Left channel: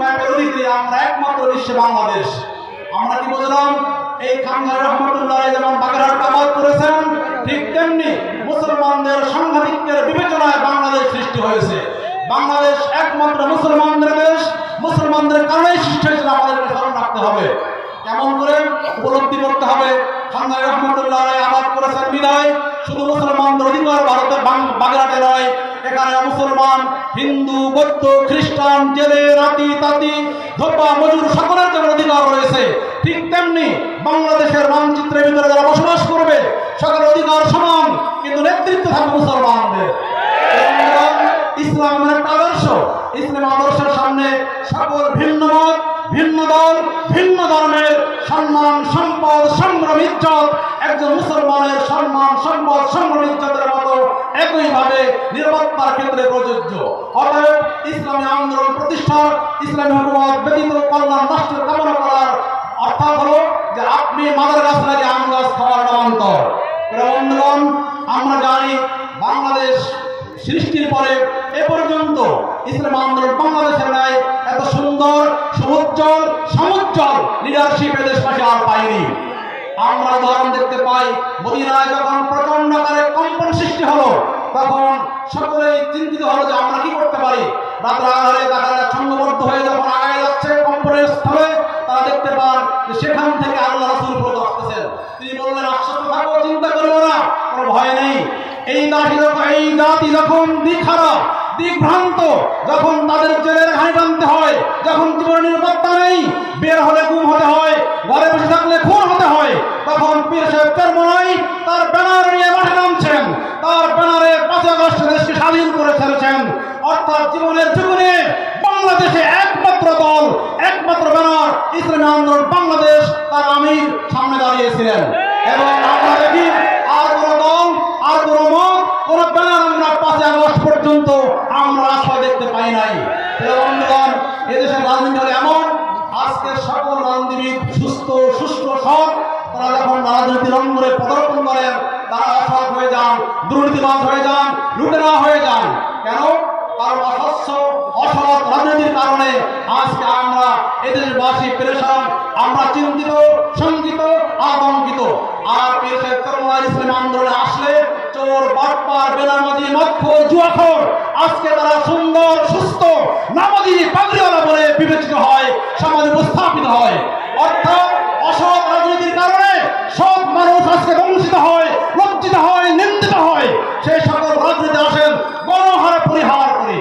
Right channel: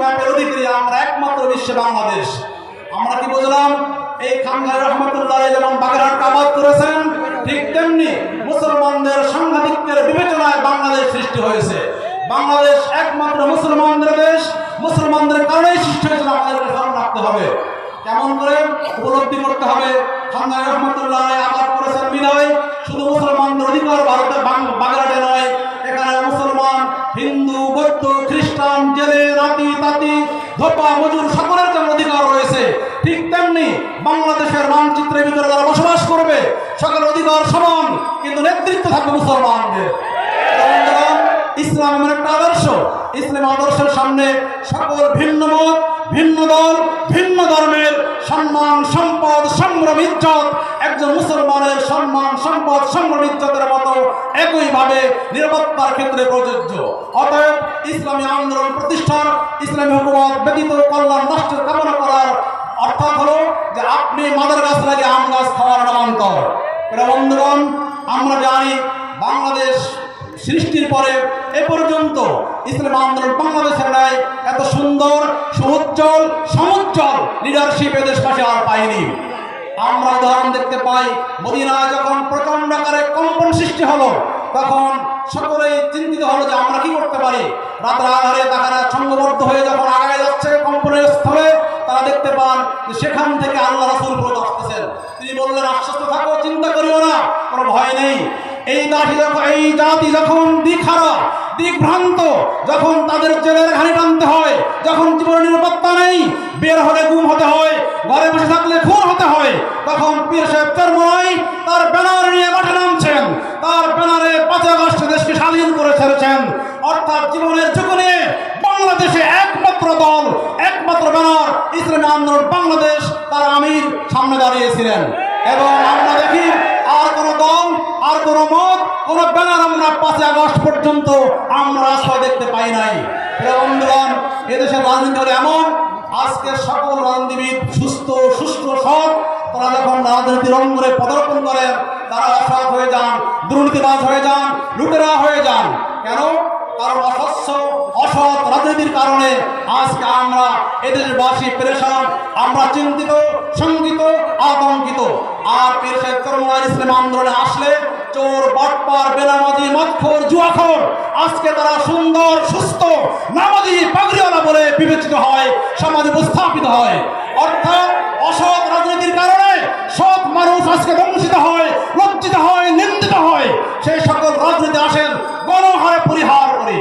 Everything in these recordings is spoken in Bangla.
ম্যাপের অধিকারী আমরা একমাত্র বিশ্বে বাংলাদেশ। আমরা কি বুঝলাম? এই খানদাই রহমতুল্লাহ যেমন বাগেরহাটকে আবাদ করেছেন, ঠিক তেমনি মুসলমানদের সাংঘাতিকের বিবেচনায় বাংলাদেশ সৃষ্টি হয়েছে। বাংলাদেশ একমাত্র মুসলমানদের দেশ, মুসলমানদের কারণেই সৃষ্টি হয়েছিল। আমাদেরকে স্মরণ রাখতে হবে। কেমন করে উপলব্ধি করতে হবে? খানদাই রহমতুল্লাহ আবাদ করেছেন বিদায় শুধু মুসলমানদের অধিকার ভারতের বাগেরহাটে নয়, এখানে মুসলমান, হিন্দু, বৌদ্ধ, খ্রিস্টান, জেলে, রাতি তাঁতি, ধোপা, মজুর সকলের জন্য অধিকার রয়েছে। ঠিক তেমনি বাংলাদেশের মানচিত্রের ভিতরে যারা বসবাস করবে সকলের অধিকার সমান, কিন্তু নেতৃত্ব থাকবে মুসলমানদের। ইসলামের একটা আদর্শ, ইসলাম আদর্শের সামনে সকল ভিন্ন মত, ভিন্ন দল, ভিন্ন ধর্মের সম্মান, সম্পদ, সংগ্রাম, ইজ্জত একজন মুসলমানের সম্মান, সম্পদ, সংগ্রাম, ইজ্জতের মতো একইভাবে নিরাপত্তার ক্ষেত্রে প্রযোজ্য। অতএব ইসলামী আন্দোলন প্রতিষ্ঠা, ইসলামী হুকুমত ব্যতীত কল্যাণ রাষ্ট্রের কামনা করার অর্থাৎ হলো যে আপনি মাদার গাছ লাগে আম গাছ খাওয়ার নামান্তর। বন্ধুগণ, আমরা জানি বাংলাদেশ সৃষ্টির পরে এ পর্যন্ত ইসলাম আন্দোলন বাংলাদেশের নাই এত সুন্দর, সমুজ্জ্বল লিডারশিপ এদেশবাসী আর পায়নি। আমরা উদাহরণ দেখতে পাই, মদিনায় যখন প্রচন্ড আকারে কম্পন সৃষ্টি হলো, তখন সকলেই চিন্তিত হলো যে আমরা কি করতে পারি। রাতের আধারে তারা ছন্দবদ্ধ হয়ে যখন আগায় যাচ্ছে কম্পনের স্থলে, তারা দেখতে পান যে সেখান থেকে আল্লাহ রাসূল ফিরত আসতেছেন। তিনি বললেন, আশ্বস্ত থাকো, চিন্তা করিও না, কোনো ভয় নেই। এই জাতি যখন দিকভ্রান্ত, যখন তাদের জেলের ঘানি টানতে হয়, যখন জীবনের নিরাপত্তা নেই, বের হলে গুম হতে হয়, ঘরে বসে থাকলে খুন হতে হয়, তখন পীর সাহেব চরমনাই তার ব্যানার নিয়ে মাঠে নামছেন, তার ব্যানারে 5 আগস্ট দেশকে স্বাধীন করে ছেড়েছেন। অর্থাৎ জীবনের ঝুঁকি নিয়ে বাংলাদেশে একমাত্র দল, একমাত্র ব্যানার ইসলামী আন্দোলন বাংলাদেশ, তার আমির সামনে দাঁড়িয়েছিলেন। এবং আমরা দেখি আর কোনো দল, আর কোনো মত, কোনো ব্যানার আমরা 5 আগস্ট পর্যন্ত আমরা রাস্তা দেখতে পাই নাই। বন্ধুগণ, এদেশের রাজনীতি হলো এমন, আজকে সকল রাজনীতিবিদ সুস্থ সৎ, তারা যখন রাজনীতির অঙ্গনে পদার্পণ করেন, তারা অসৎ হয়ে যান, দুর্নীতিবাজ হয়ে যান, লুটেরা হয়ে যান। কেন? কারণ অসৎ রাজনীতির কারণে আজকে আমরা এদেশবাসী পেরেশান, আমরা চিন্তিত, শঙ্কিত, আতঙ্কিত। আর পীর সাহেব চরমনাই ইসলামী আন্দোলনে আসলে চোর, বাটপার, বেনামাজি, মদখোর, জুয়াখোর আজকে তারা সুন্দর, সুস্থ, নামাজি, পাগড়িওয়ালা বলে বিবেচিত হয়, সমাজে উপস্থাপিত হয়। অর্থাৎ অসৎ রাজনীতির কারণে সৎ মানুষ আজকে বঞ্চিত হয়, লজ্জিত হয়, নিন্দিত হয়। সেই সকল রাজনীতি আসেন গণহারে পরিহার করে।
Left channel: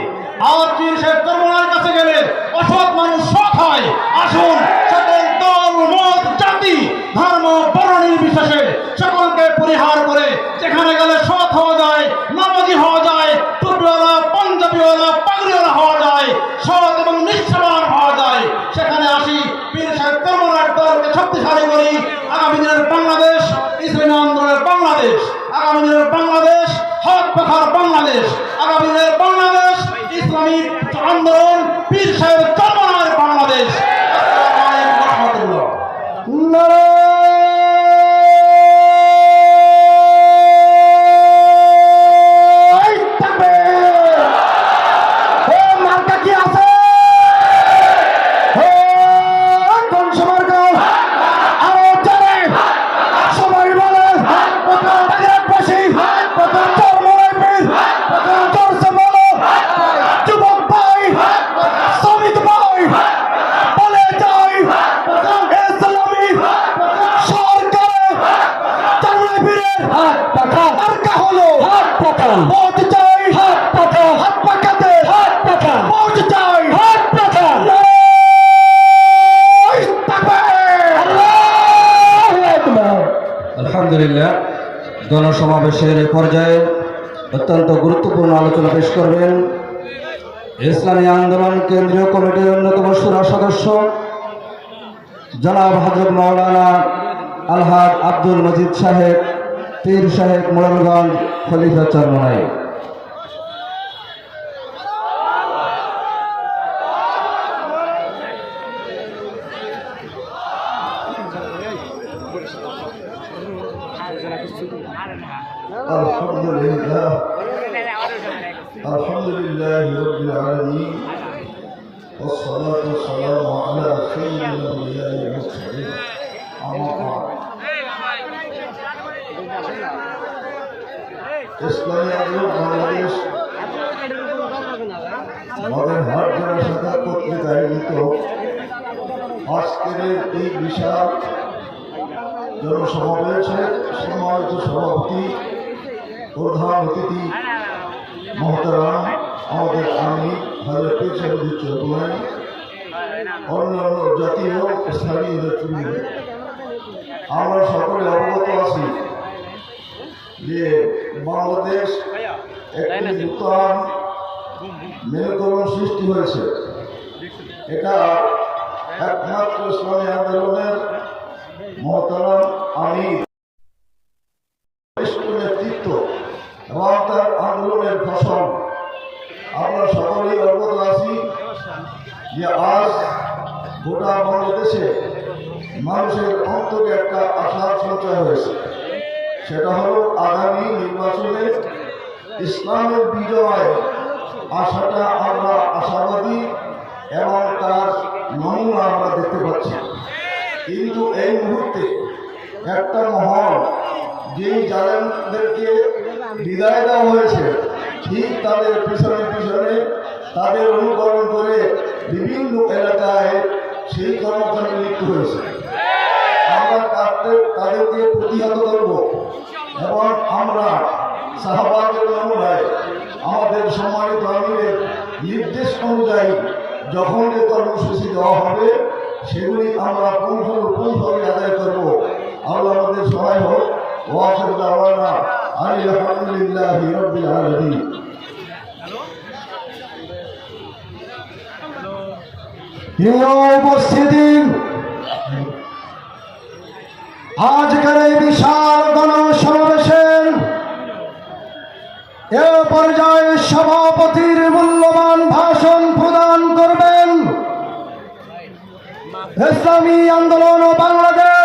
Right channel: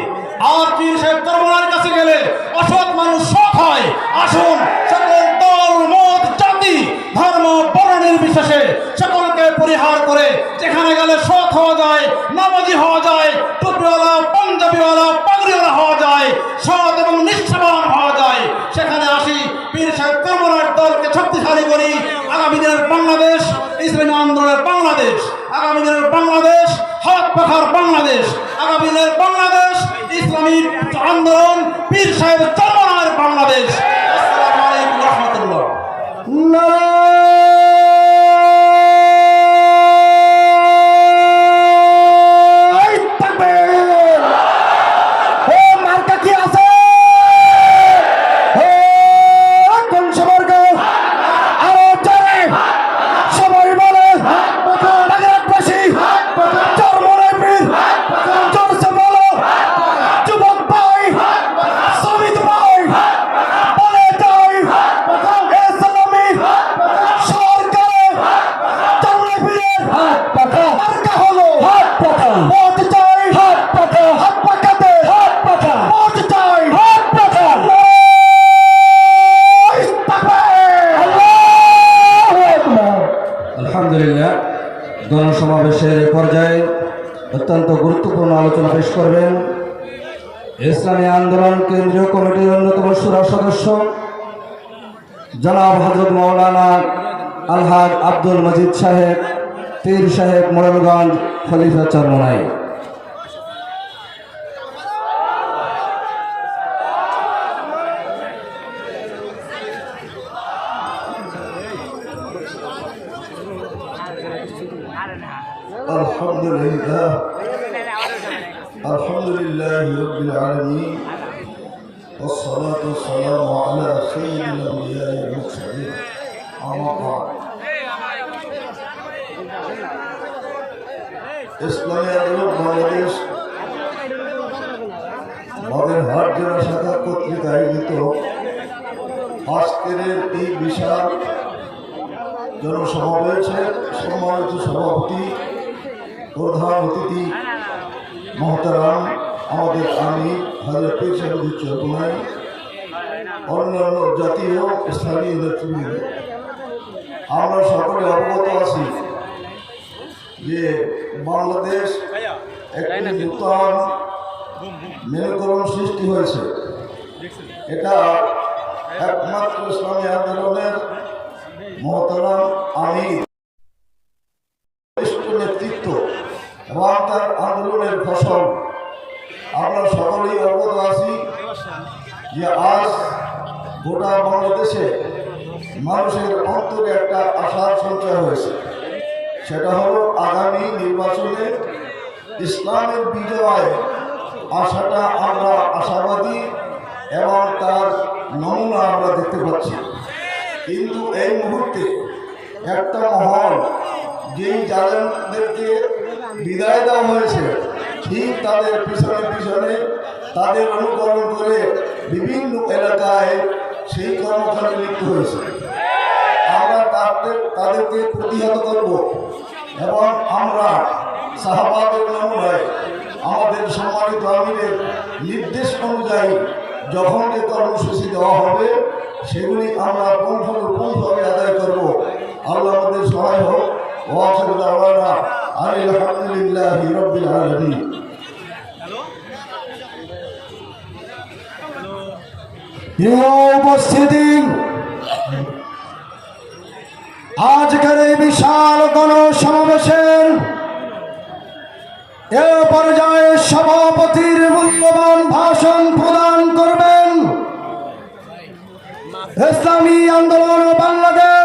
আর পীর সাহেব চরমনাইয়ের কাছে গেলে অসৎ মানুষ সৎ হয়। আসুন, সকল দল, মত, জাতি, ধর্ম, বর্ণ নির্বিশেষে সকলকে পরিহার করে যেখানে গেলে সৎ হওয়া যায়, নামাজি হওয়া যায়, টুপিওয়ালা, পাঞ্জাবিওয়ালা, পাগড়িওয়ালা হওয়া যায়, সৎ এবং নিষ্ঠাবান হওয়া যায়, সেখানে আসি। পীর সাহেব চরমনাইয়ের দলকে শক্তিশালী করি। আগামী দিনের বাংলাদেশ ইসলামী আন্দোলনের বাংলাদেশ, আগামী দিনের বাংলাদেশ হক পাখার বাংলাদেশ, আগামী দিনের বাংলাদেশ ইসলামী আন্দোলন পীর সাহেব চরমনাইয়ের বাংলাদেশ। আসসালামু আলাইকুম ওয়া রাহমাতুল্লাহ। আলহামদুলিল্লাহ, গণসমাবেশের পর্যায়ে অত্যন্ত গুরুত্বপূর্ণ আলোচনা পেশ করবেন ইসলামী আন্দোলন কেন্দ্রীয় কমিটির অন্যতম সুরা সদস্য জনাব হযরত মাওলানা আলহাজ আব্দুল মজিদ সাহেব, পীর সাহেব, মোড়লগঞ্জ, খলিফা চরমনাই। আলহামদুলিল্লাহ রাব্বিল আলামিন والصلاة والسلام على سيد الأنبياء والمرسلين أما بعد ইসলামী আন্দোলন বাংলাদেশ বাগেরহাট জেলা শাখা কর্তৃক আয়োজিত আজকের এই বিশাল জনসমাবেশে সম্মানিত সভাপতি প্রধান অতিথি মহতারাম আমাদের আমির হাজরত পীর সাহেব চৌধুরী, অন্যান্য জাতীয় স্থানীয় নেতৃবৃন্দ, আমরা সকলে অবগত আছি যে বাংলাদেশ একটি নূতন মেরুকরণ সৃষ্টি হয়েছে। এটা একমাত্র ইসলামী আন্দোলনের মহতারাম আমির নেতৃত্ব এবং তার আন্দোলনের ফসল। আমরা সকলেই অবগত আছি যে আজ গোটা বাংলাদেশে মানুষের অন্তরে একটা আশার সঞ্চয় হয়েছে। সেটা হলো আগামী নির্বাচনে ইসলামের বিজয়। আশাটা আমরা আশাবাদী এবং তার নমুনা আমরা দেখতে পাচ্ছি। কিন্তু এই মুহূর্তে একটা মহল যেই জালেমদেরকে বিদায় দেওয়া হয়েছে, ঠিক তাদের পিছনে পিছনে তাদের অনুকরণ করে বিভিন্ন এলাকায় সেই কর্মকাণ্ডে লিপ্ত হয়েছে। আমরা তাদেরকে প্রতিহত করব এবং আমরা সাহাবাদের নমুনায় আমাদের সম্মানিত আমিরের নির্দেশ অনুযায়ী যখন এই কর্মসূচি দেওয়া হবে সেগুলি আমরা পুঙ্খানুপুঙ্খভাবে আদায় করব। আল্লাহ আমাদের সহায় হোক। ওয়াখিরু দাওয়ানা আনিল হামদুলিল্লাহি রাব্বিল আলামিন। উপস্থিতি আজকের এই বিশাল গণসমাবেশের এ পর্যায়ে সভাপতির মূল্যবান ভাষণ প্রদান করবেন ইসলামী আন্দোলন ও